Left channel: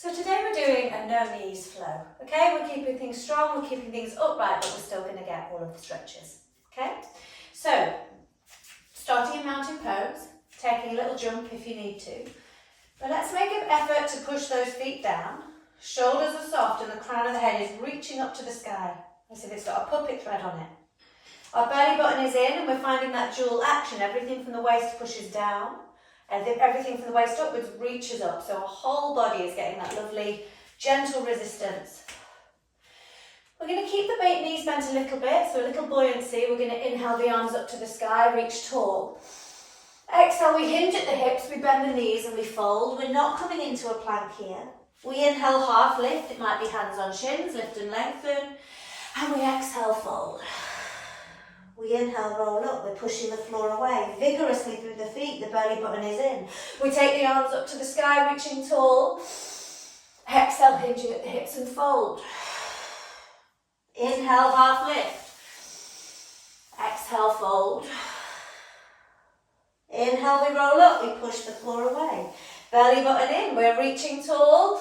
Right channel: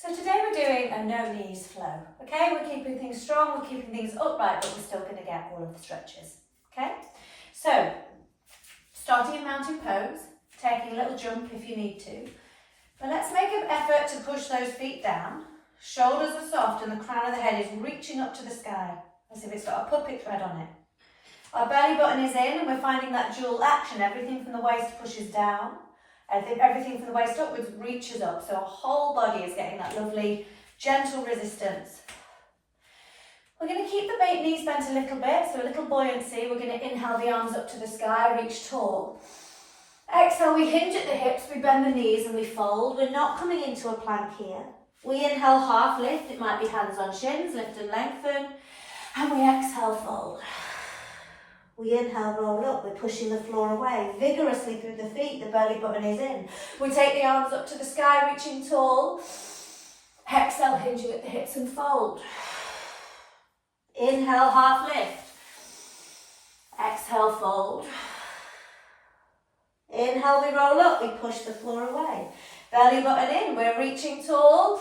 So today we're doing a no knees flow, okay? We're keeping things strong, we're keeping things upright, but we're still going to get all of the stretches, okay? So, starting in mountain pose, taking a little jump if you need to. But let's make an effort to push those feet down. Shoulders are soft and the crown of the head is reaching up to the sky, as if it's got a puppet thread on it. Our belly button is in and we're finding that dual action. Everything from the waist pushes down. Everything from the waist upwards reaches up. So our whole body is getting that lovely, gentle resistance. We're going to keep the knees bent a little bit, so a little buoyancy. We're going to inhale the arms up to the sky, reach tall. Exhale, we hinge at the hips, we bend the knees and we fold. We're not coming into a plank here. We inhale, half lift. It might be hands on shins, lift and lengthen. And we exhale, fold. We inhale, roll up, we're pushing the floor away, vigorously through the feet, the belly button is in. We take the arms up to the sky, reaching tall. Exhale, hinging at the hips and fold. Inhale, half lift. Exhale, fold. Inhale, we roll up, we push the floor away. Belly button in, we're reaching tall.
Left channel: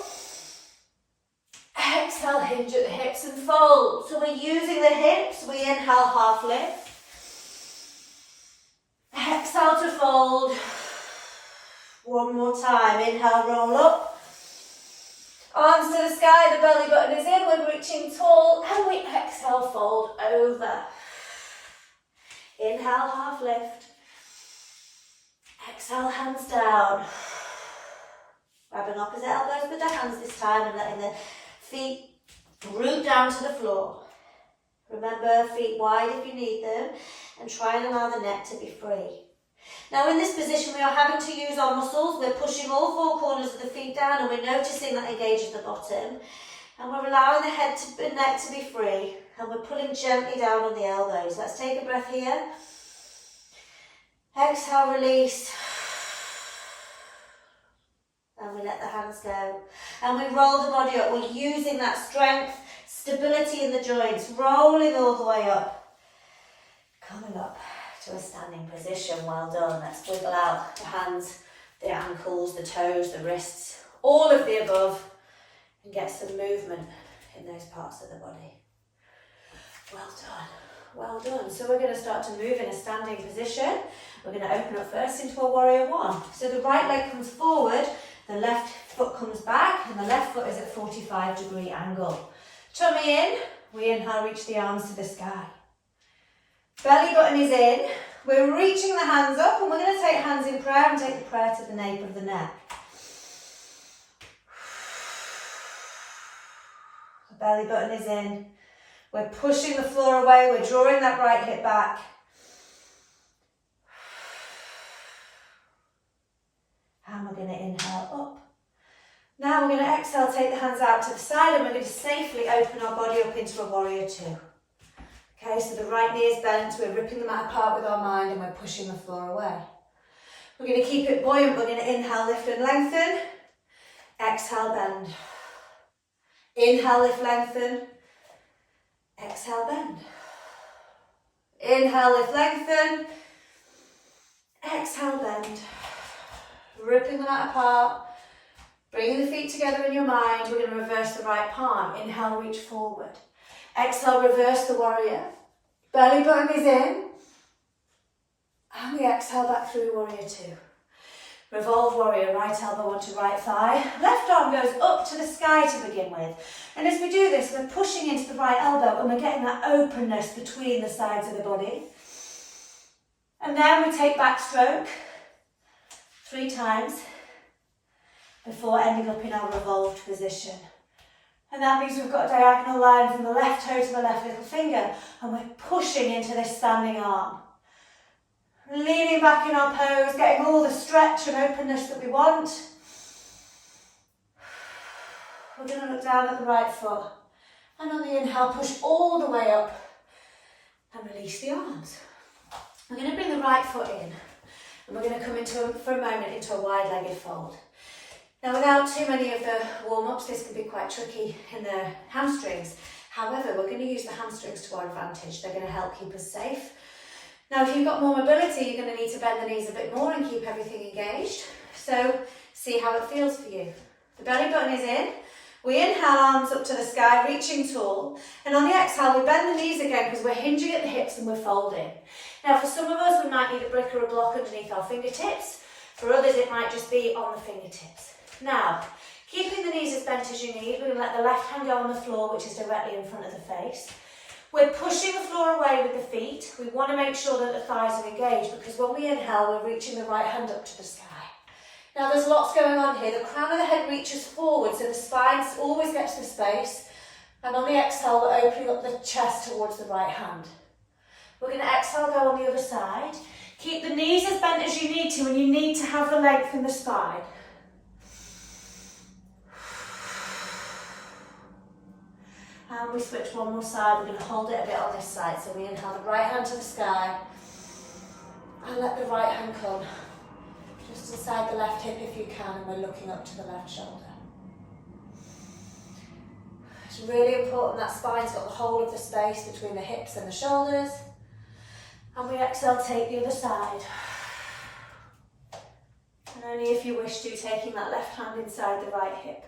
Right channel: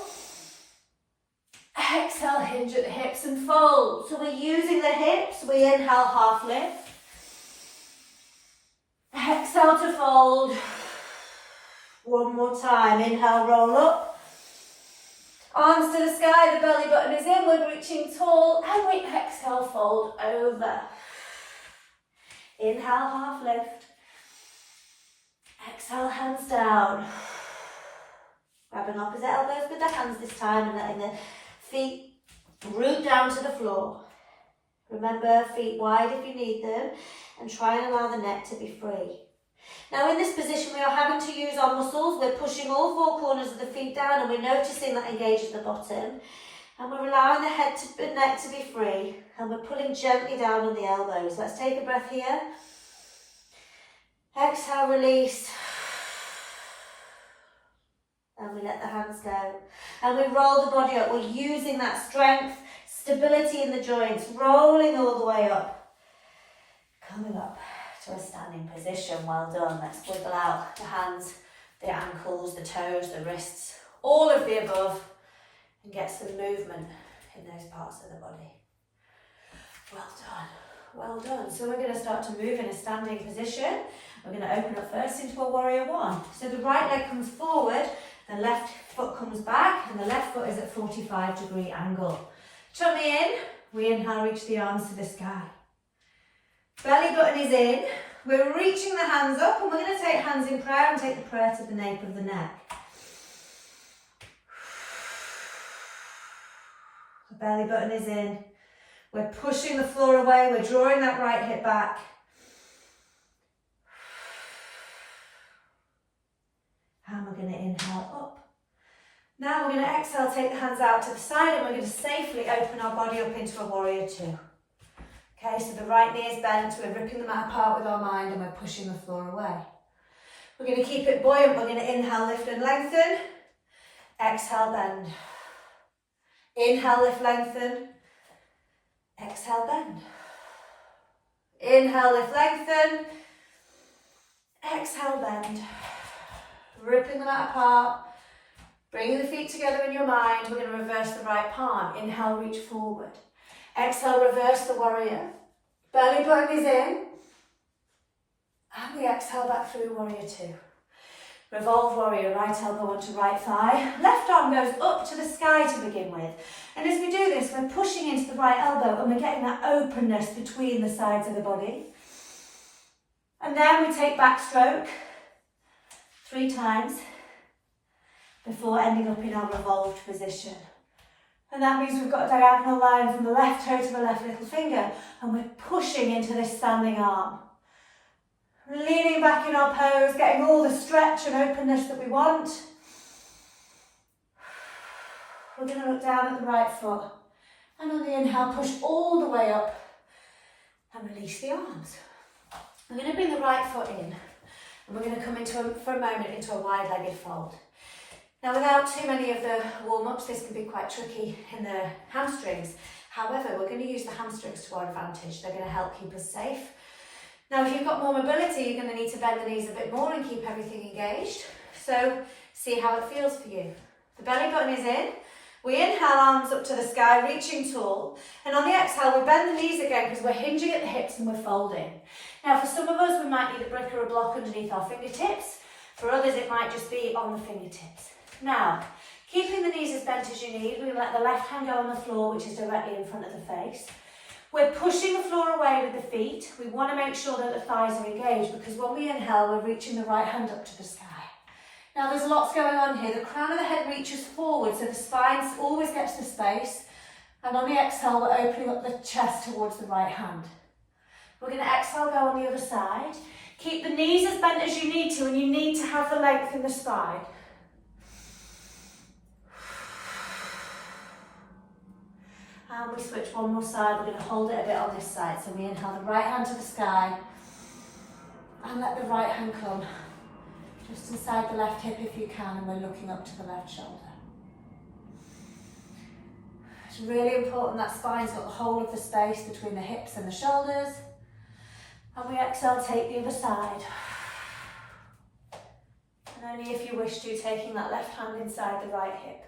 Exhale, hinge at the hips and fold. So we're using the hips, we inhale, half lift. Exhale to fold. One more time. Inhale, roll up. Arms to the sky, the belly button is in, we're reaching tall, and we exhale, fold over. Inhale, half lift. Exhale, hands down. Grabbing opposite elbows with the hands this time and letting the feet root down to the floor. Remember, feet wide if you need them, and try and allow the neck to be free. Now in this position we are having to use our muscles. We're pushing all four corners of the feet down and we're noticing that engages the bottom. And we're allowing the head to the neck to be free, and we're pulling gently down on the elbows. Let's take a breath here. Exhale, release. And we let the hands go. And we roll the body up. We're using that strength, stability in the joints, rolling all the way up. Coming up to a standing position. Well done. Let's wiggle out the hands, the ankles, the toes, the wrists, all of the above, and get some movement in those parts of the body. Well done. Well done. So we're going to start to move in a standing position. We're going to open up first into a warrior one. So the right leg comes forward, the left foot comes back, and the left foot is at 45-degree angle. Tummy in, we inhale, reach the arms to the sky. Belly button is in, we're reaching the hands up, and we're going to take hands in prayer and take the prayer to the nape of the neck. The belly button is in, we're pushing the floor away, we're drawing that right hip back. And we're going to inhale up. Now we're going to exhale, take the hands out to the side, and we're going to safely open our body up into a warrior two. Okay, so the right knee is bent, we're ripping the mat apart with our mind and we're pushing the floor away. We're going to keep it buoyant, we're going to inhale, lift and lengthen. Exhale, bend. Inhale, lift, lengthen. Exhale, bend. Inhale, lift, lengthen. Exhale, bend. Ripping the mat apart. Bringing the feet together in your mind. We're going to reverse the right palm. Inhale, reach forward. Exhale, reverse the warrior. Belly button is in. And we exhale back through warrior two. Revolve warrior, right elbow onto right thigh. Left arm goes up to the sky to begin with. And as we do this, we're pushing into the right elbow and we're getting that openness between the sides of the body. And then we take backstroke 3 times before ending up in our revolved position. And that means we've got a diagonal line from the left toe to the left little finger, and we're pushing into this standing arm. Leaning back in our pose, getting all the stretch and openness that we want. We're going to look down at the right foot, and on the inhale, push all the way up and release the arms. We're going to bring the right foot in, and we're going to come into, for a moment, into a wide-legged fold. Now, without too many of the warm-ups, this can be quite tricky in the hamstrings. However, we're going to use the hamstrings to our advantage. They're going to help keep us safe. Now, if you've got more mobility, you're going to need to bend the knees a bit more and keep everything engaged. So, see how it feels for you. The belly button is in. We inhale, arms up to the sky, reaching tall. And on the exhale, we bend the knees again because we're hinging at the hips and we're folding. Now, for some of us, we might need a brick or a block underneath our fingertips. For others, it might just be on the fingertips. Now, keeping the knees as bent as you need, we let the left hand go on the floor, which is directly in front of the face. We're pushing the floor away with the feet. We want to make sure that the thighs are engaged because when we inhale, we're reaching the right hand up to the sky. Now there's lots going on here. The crown of the head reaches forward, so the spine always gets the space. And on the exhale, we're opening up the chest towards the right hand. We're going to exhale, go on the other side. Keep the knees as bent as you need to, and you need to have the length in the spine. And we switch one more side. We're going to hold it a bit on this side. So we inhale the right hand to the sky and let the right hand come just inside the left hip if you can, and we're looking up to the left shoulder. It's really important that spine's got the whole of the space between the hips and the shoulders. And we exhale, take the other side. And only if you wish to, taking that left hand inside the right hip.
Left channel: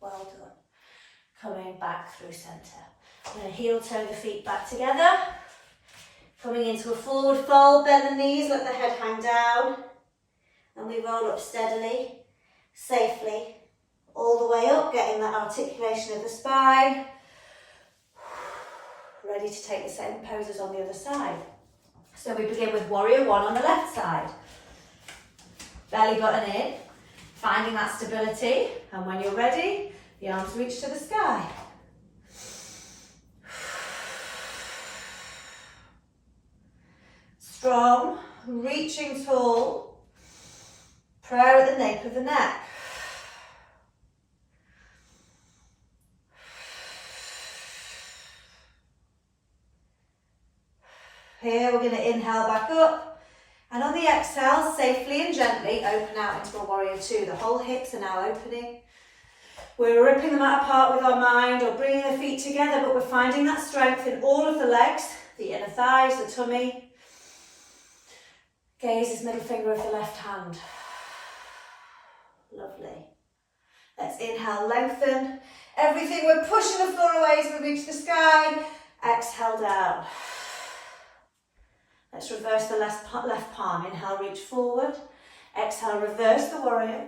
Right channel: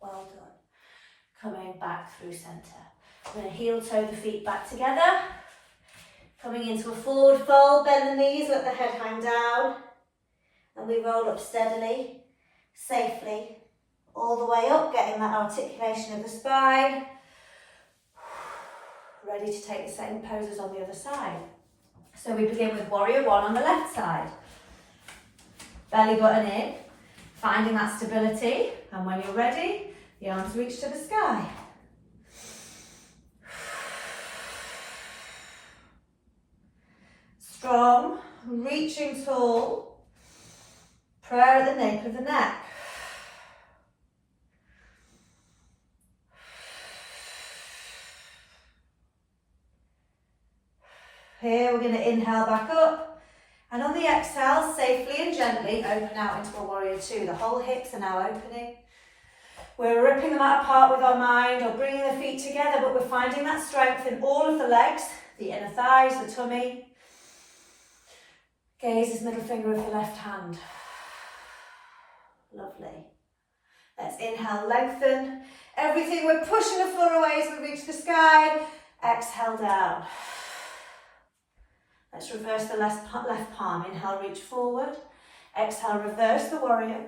Well done. Coming back through centre. We're going to heel toe the feet back together. Coming into a forward fold, bend the knees, let the head hang down. And we roll up steadily, safely, all the way up, getting that articulation of the spine. Ready to take the same poses on the other side. So we begin with warrior one on the left side. Belly button in, finding that stability. And when you're ready, the arms reach to the sky. Strong, reaching tall, prayer at the nape of the neck. Here we're going to inhale back up, and on the exhale, safely and gently open out into a warrior two. The whole hips are now opening. We're ripping them out apart with our mind or bringing the feet together, but we're finding that strength in all of the legs, the inner thighs, the tummy. Gaze is middle finger of the left hand. Lovely. Let's inhale, lengthen. Everything, we're pushing the floor away as we reach the sky. Exhale down. Let's reverse the left palm. Inhale, reach forward. Exhale, reverse the warrior.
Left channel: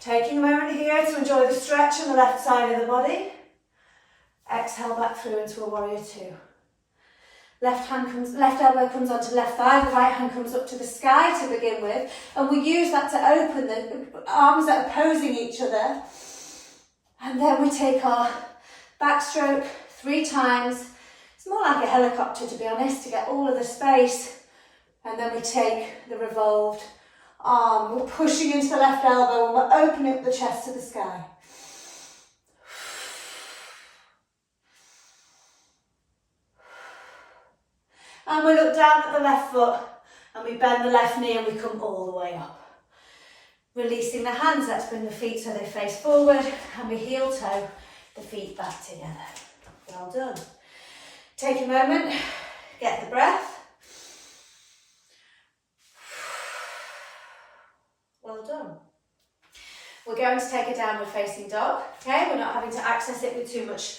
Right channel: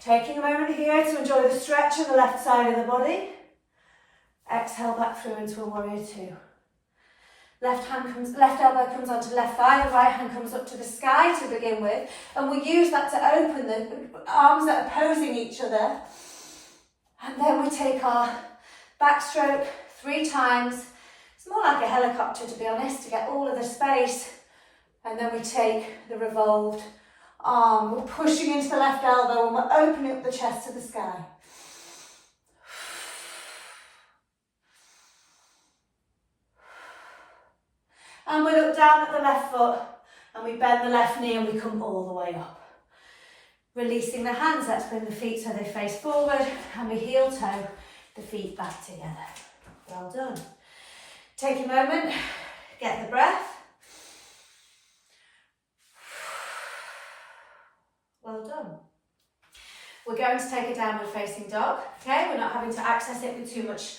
Taking a moment here to enjoy the stretch on the left side of the body. Exhale back through into a warrior two. Left elbow comes onto left thigh, the right hand comes up to the sky to begin with, and we use that to open the arms that are opposing each other. And then we take our backstroke 3 times. It's more like a helicopter, to be honest, to get all of the space. And then we take the revolved arm. We're pushing into the left elbow and we're opening up the chest to the sky. And we look down at the left foot and we bend the left knee and we come all the way up. Releasing the hands, let's bring the feet so they face forward, and we heel toe the feet back together. Well done. Take a moment, get the breath. Well done. We're going to take a downward facing dog, okay? We're not having to access it with too much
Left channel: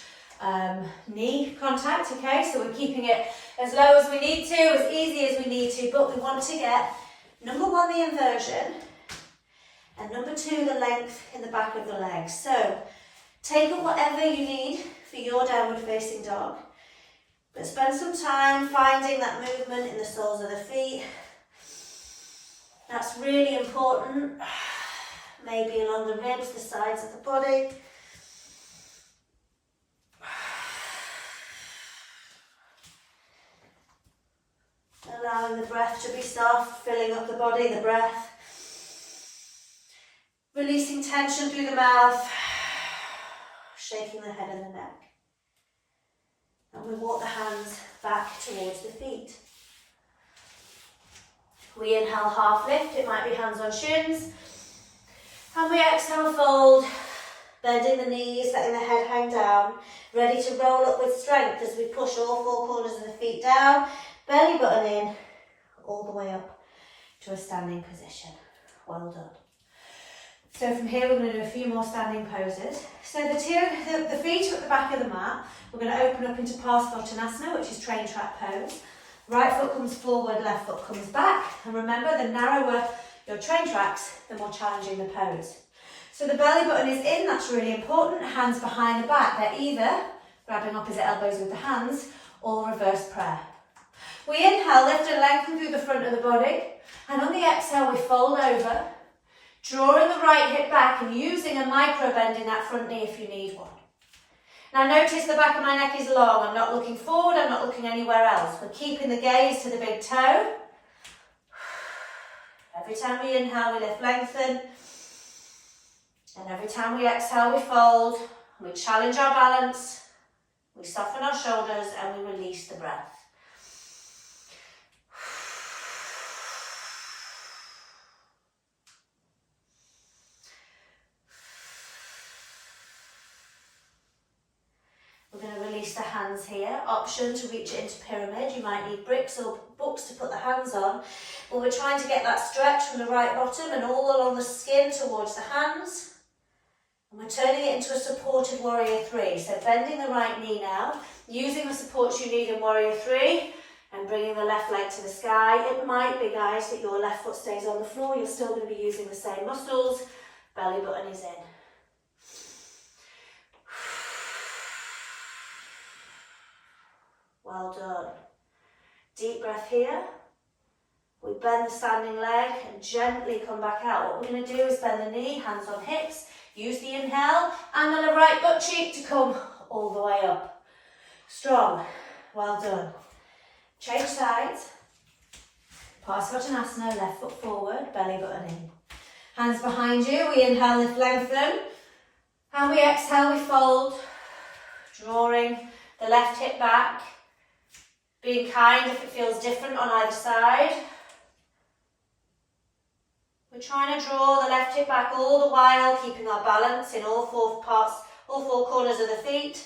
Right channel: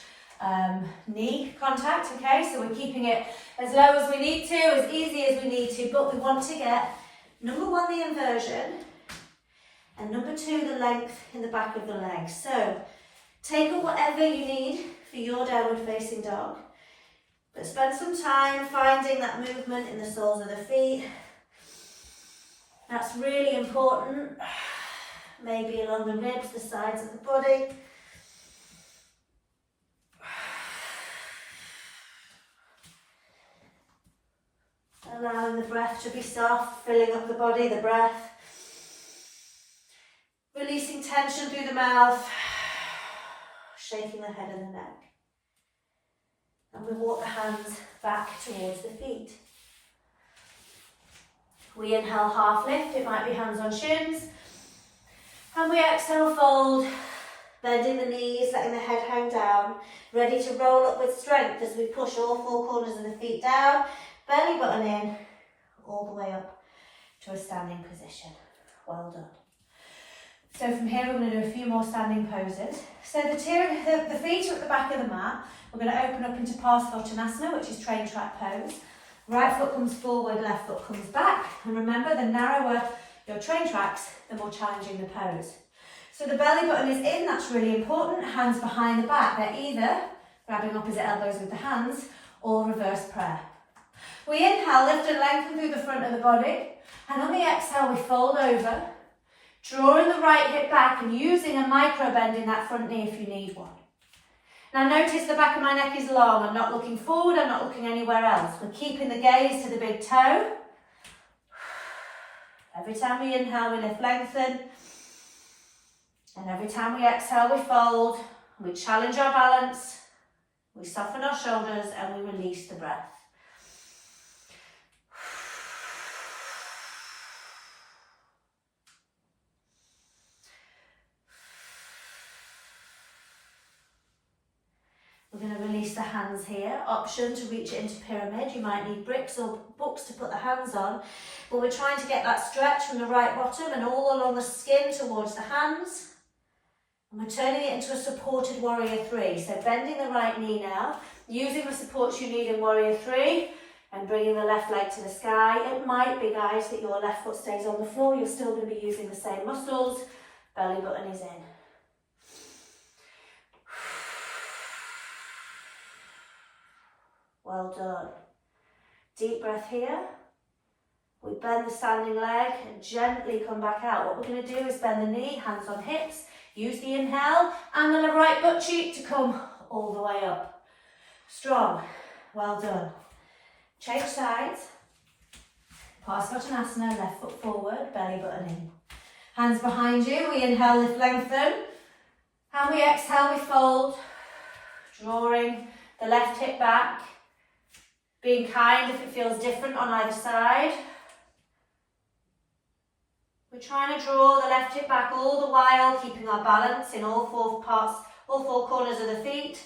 knee contact, okay? So we're keeping it as low as we need to, as easy as we need to, but we want to get, number 1, the inversion, and number 2, the length in the back of the legs. So take whatever you need for your downward facing dog, but spend some time finding that movement in the soles of the feet. That's really important, maybe along the ribs, the sides of the body. Allowing the breath to be soft, filling up the body, the breath. Releasing tension through the mouth, shaking the head and the neck. And we walk the hands back towards the feet. We inhale, half lift, it might be hands on shins. And we exhale, fold, bending the knees, letting the head hang down. Ready to roll up with strength as we push all 4 corners of the feet down. Belly button in, all the way up. to a standing position. Well done. So from here we're going to do a few more standing poses. So the feet are at the back of the mat. We're going to open up into Parsvottanasana, which is train track pose. Right foot comes forward, left foot comes back. And remember, the narrower your train tracks, the more challenging the pose. So the belly button is in, that's really important. Hands behind the back. They're either grabbing opposite elbows with the hands or reverse prayer. We inhale, lift and lengthen through the front of the body. And on the exhale, we fold over, drawing the right hip back and using a micro bend in that front knee if you need one. Now notice the back of my neck is long. I'm not looking forward, I'm not looking anywhere else. We're keeping the gaze to the big toe. Every time we inhale, we lift, lengthen. And every time we exhale, we fold. We challenge our balance. We soften our shoulders and we release the breath. We're going to release the hands here. Option to reach it into pyramid. You might need bricks or books to put the hands on. But we're trying to get that stretch from the right bottom and all along the skin towards the hands. And we're turning it into a supported warrior three. So bending the right knee now, using the supports you need in warrior three, and bringing the left leg to the sky. It might be, guys, that your left foot stays on the floor. You're still going to be using the same muscles. Belly button is in. Well done. Deep breath here. We bend the standing leg and gently come back out. What we're going to do is bend the knee, hands on hips. Use the inhale and then the right butt cheek to come all the way up. Strong. Well done. Change sides. Parsvottanasana, left foot forward, belly button in. Hands behind you. We inhale, lift, lengthen. And we exhale, we fold. Drawing the left hip back. Being kind if it feels different on either side. We're trying to draw the left hip back all the while, keeping our balance in all four corners of the feet.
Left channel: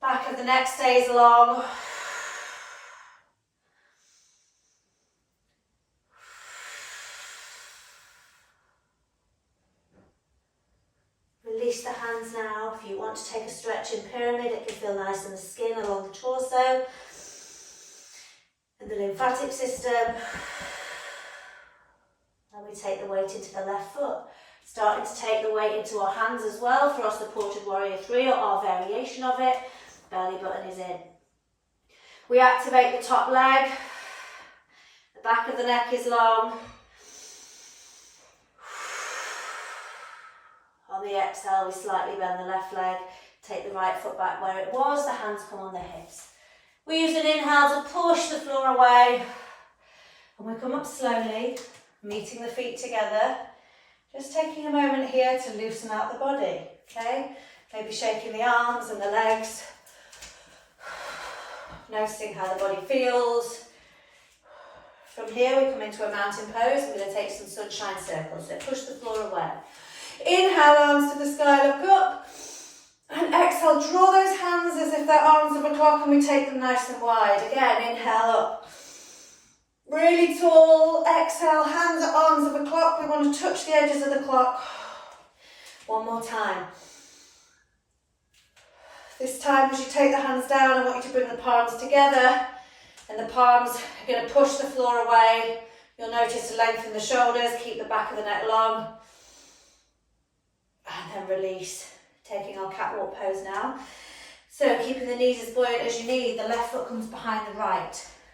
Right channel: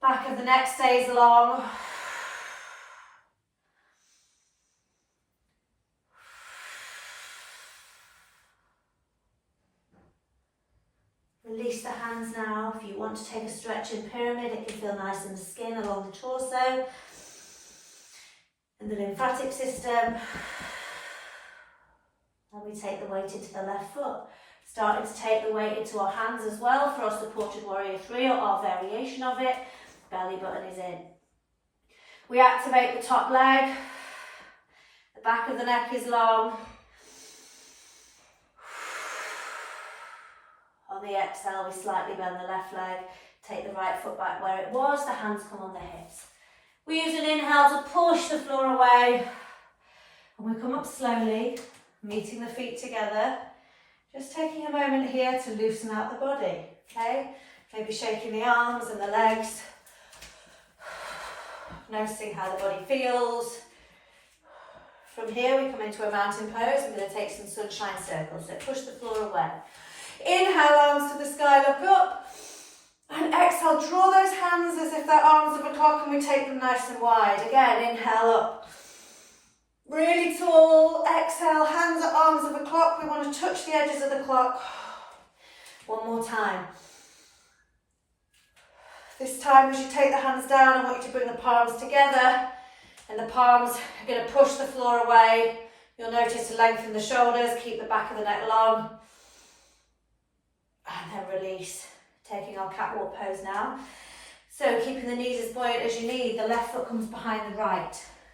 Back of the neck stays long. Release the hands now. If you want to take a stretch in pyramid, it can feel nice in the skin along the torso and the lymphatic system. And we take the weight into the left foot. Starting to take the weight into our hands as well for our supported warrior three or our variation of it. Belly button is in. We activate the top leg. The back of the neck is long. On the exhale, we slightly bend the left leg, take the right foot back where it was, the hands come on the hips. We use an inhale to push the floor away, and we come up slowly, meeting the feet together, just taking a moment here to loosen out the body, okay? Maybe shaking the arms and the legs, noticing how the body feels. From here, we come into a mountain pose. I'm going to take some sunshine circles, so push the floor away. Inhale, arms to the sky, look up. And exhale, draw those hands as if they're arms of a clock and we take them nice and wide. Again, inhale up. Really tall. Exhale, hands at arms of a clock. We want to touch the edges of the clock. One more time. This time, as you take the hands down, I want you to bring the palms together. And the palms are going to push the floor away. You'll notice to lengthen the shoulders, keep the back of the neck long. And then release, taking our catwalk pose now. So keeping the knees as buoyant as you need, the left foot comes behind the right.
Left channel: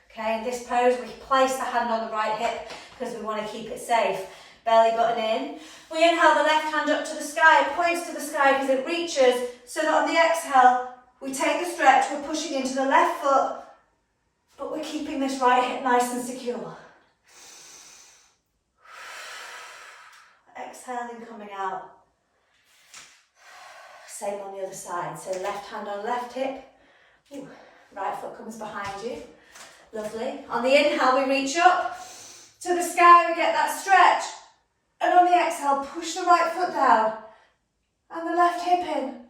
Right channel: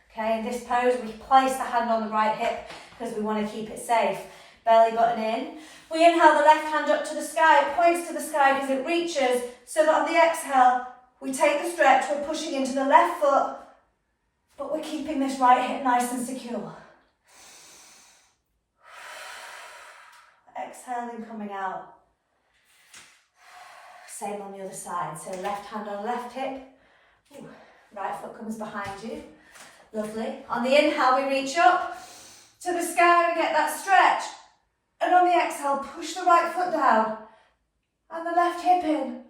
Okay, in this pose, we place the hand on the right hip because we want to keep it safe. Belly button in. We inhale the left hand up to the sky, it points to the sky because it reaches, so that on the exhale, we take the stretch, we're pushing into the left foot, but we're keeping this right hip nice and secure. Exhaling, coming out. Same on the other side. So left hand on left hip. Ooh, right foot comes behind you. Lovely. On the inhale, we reach up to the sky, we get that stretch. And on the exhale, push the right foot down. And the left hip in.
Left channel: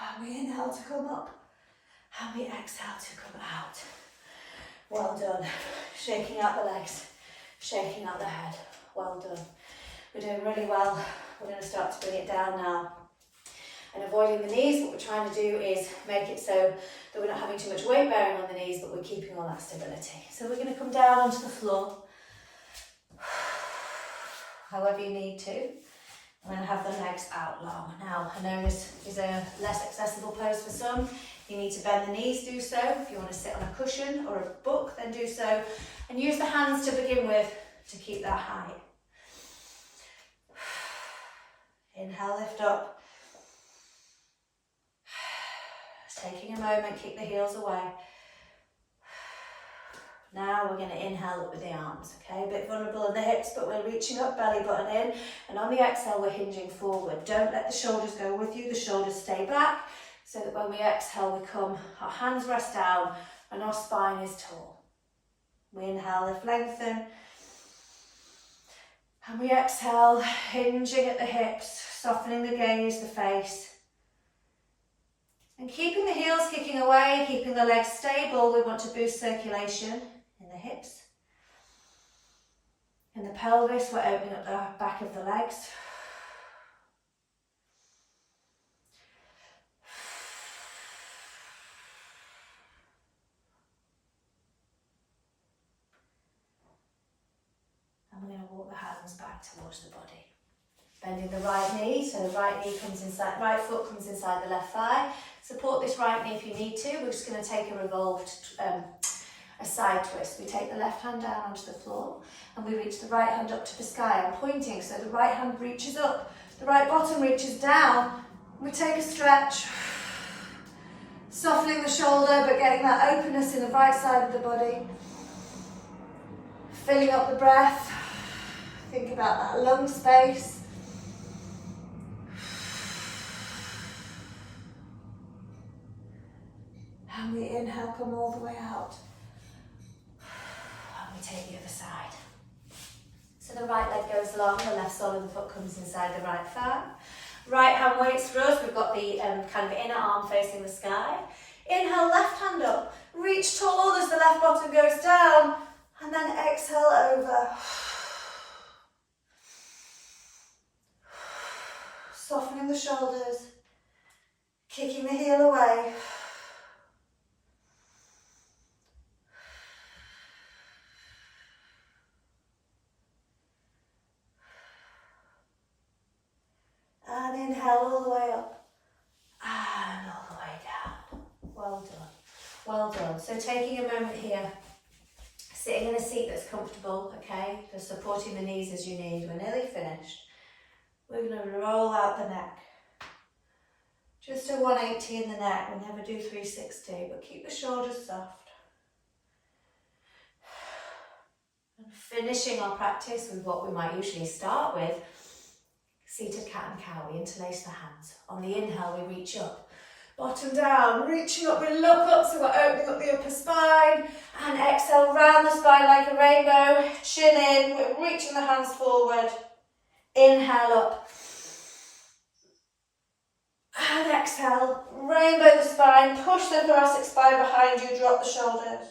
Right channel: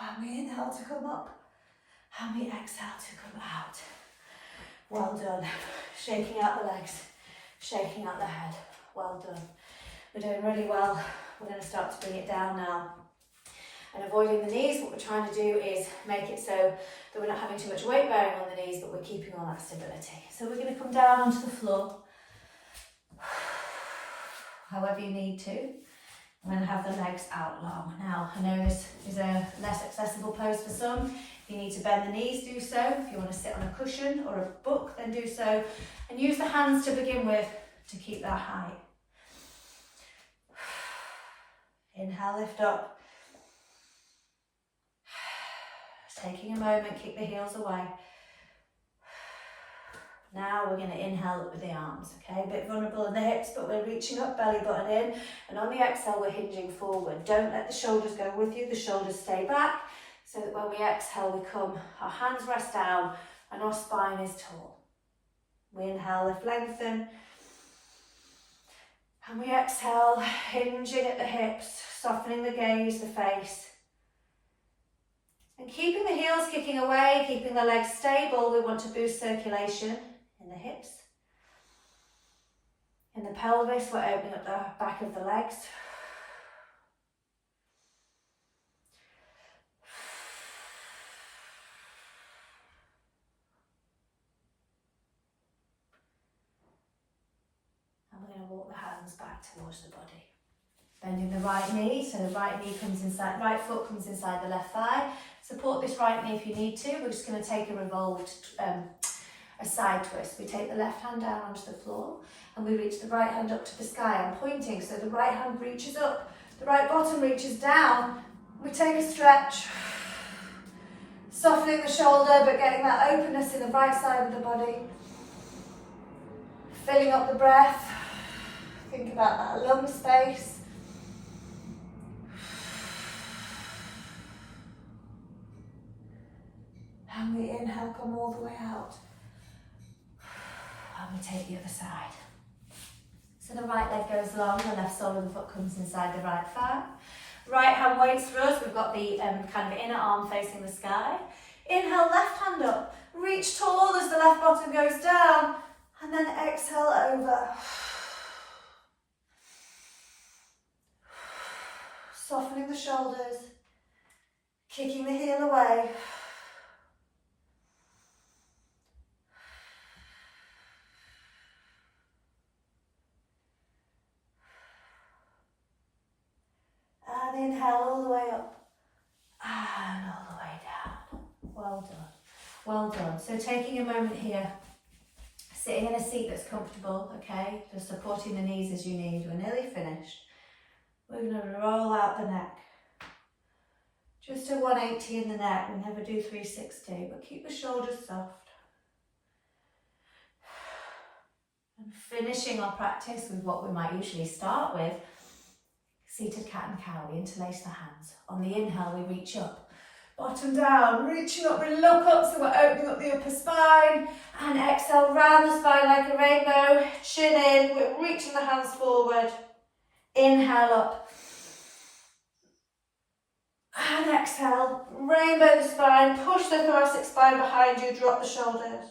And we inhale to come up. And we exhale to come out. Well done. Shaking out the legs, shaking out the head. Well done. We're doing really well. We're going to start to bring it down now. And avoiding the knees, what we're trying to do is make it so that we're not having too much weight bearing on the knees, but we're keeping all that stability. So we're going to come down onto the floor, however you need to. I'm going to have the legs out long. Now, I know this is a less accessible pose for some. If you need to bend the knees, do so. If you want to sit on a cushion or a book, then do so. And use the hands to begin with to keep that height. Inhale, lift up. Taking a moment, keep the heels away. Now we're going to inhale up with the arms, okay? A bit vulnerable in the hips, but we're reaching up, belly button in. And on the exhale, we're hinging forward. Don't let the shoulders go with you. The shoulders stay back, so that when we exhale, we come, our hands rest down, and our spine is tall. We inhale, lift, lengthen. And we exhale, hinging at the hips, softening the gaze, the face. And keeping the heels kicking away, keeping the legs stable, we want to boost circulation in the hips. In the pelvis, we're opening up the back of the legs. And we're going to walk the hands back towards the body. Bending the right knee, so the right knee comes inside, right foot comes inside the left thigh. Support this right knee if you need to. We're just going to take a revolved, a side twist. We take the left hand down onto the floor and we reach the right hand up to the sky. I'm pointing, so the right hand reaches up, the right bottom reaches down. We take a stretch, softening the shoulder but getting that openness in the right side of the body. Filling up the breath. Think about that lung space. And we inhale, come all the way out. And we take the other side. So the right leg goes long, the left sole of the foot comes inside the right thigh. Right hand waits for us, we've got the kind of inner arm facing the sky. Inhale, left hand up, reach tall as the left bottom goes down, and then exhale over. Softening the shoulders, kicking the heel away. And inhale all the way up and all the way down. Well done, well done. So taking a moment here, sitting in a seat that's comfortable, okay, just supporting the knees as you need. We're nearly finished. We're going to roll out the neck. Just a 180 in the neck. We'll never do 360, but keep the shoulders soft. And finishing our practice with what we might usually start with, seated cat and cow. We interlace the hands. On the inhale, we reach up. Bottom down, reaching up, we look up, so we're opening up the upper spine. And exhale, round the spine like a rainbow. Chin in, we're reaching the hands forward. Inhale up. And exhale, rainbow the spine, push the thoracic spine behind you, drop the shoulders.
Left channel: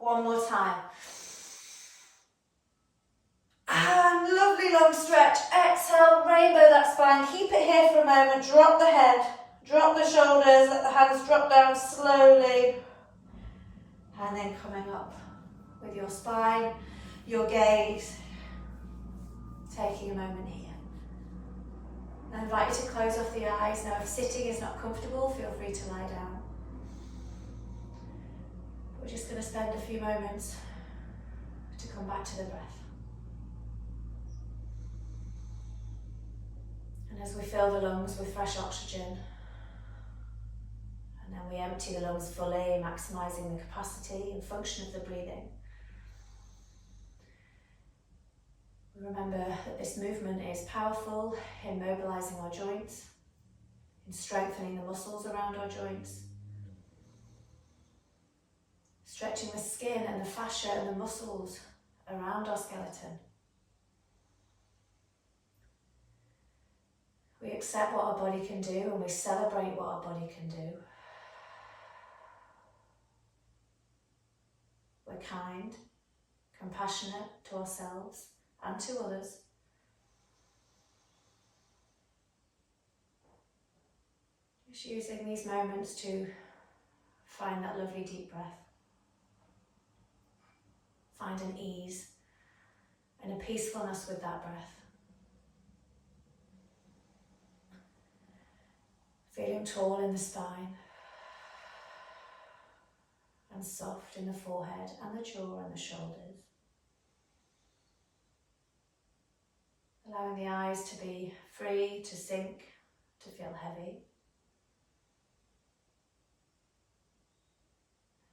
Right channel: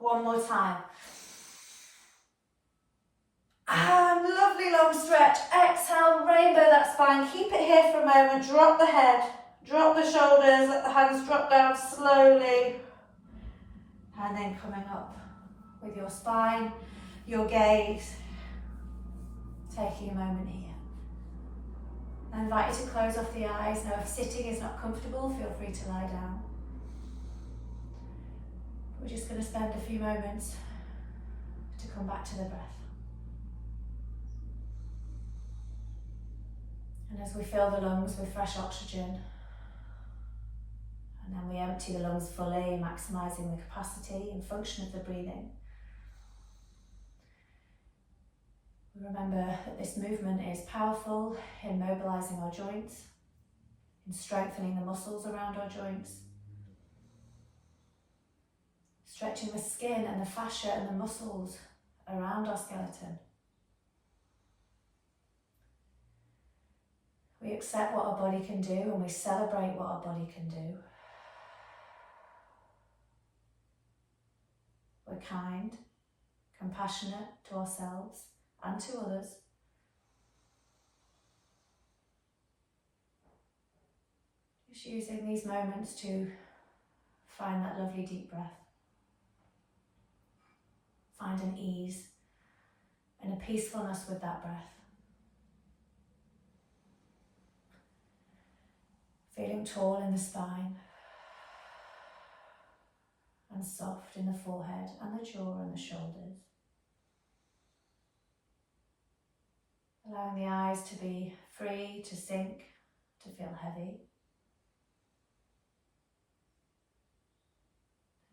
One more time. And lovely long stretch. Exhale, rainbow that spine. Keep it here for a moment. Drop the head, drop the shoulders, let the hands drop down slowly. And then coming up with your spine, your gaze. Taking a moment here. I invite you to close off the eyes. Now, if sitting is not comfortable, feel free to lie down. We're just going to spend a few moments to come back to the breath. And as we fill the lungs with fresh oxygen, and then we empty the lungs fully, maximising the capacity and function of the breathing. Remember that this movement is powerful in mobilising our joints, in strengthening the muscles around our joints, stretching the skin and the fascia and the muscles around our skeleton. We accept what our body can do and we celebrate what our body can do. but kind, compassionate to ourselves and to others. Just using these moments to find that lovely deep breath. Find an ease and a peacefulness with that breath. Feeling tall in the spine and soft in the forehead and the jaw and the shoulders. Allowing the eyes to be free to sink, to feel heavy.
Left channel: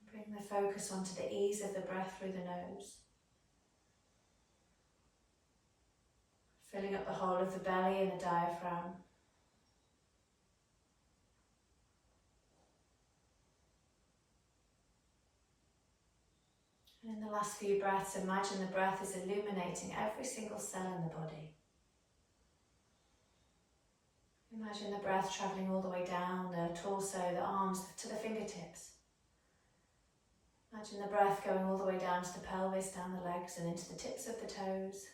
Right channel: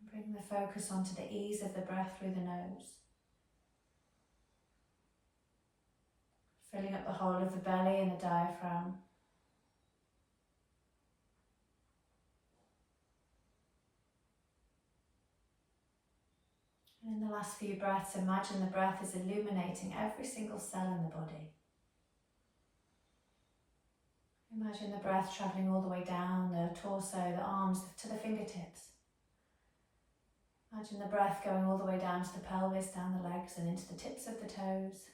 And bring the focus onto the ease of the breath through the nose. Filling up the whole of the belly and the diaphragm. And in the last few breaths, imagine the breath is illuminating every single cell in the body. Imagine the breath travelling all the way down the torso, the arms to the fingertips. Imagine the breath going all the way down to the pelvis, down the legs and into the tips of the toes.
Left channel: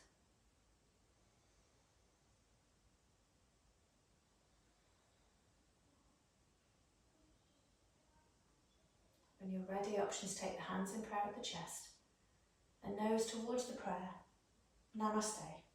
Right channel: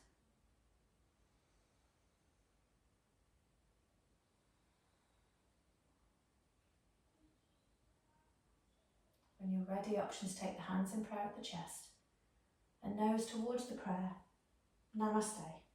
When you're ready, options take the hands in prayer at the chest and nose towards the prayer. Namaste.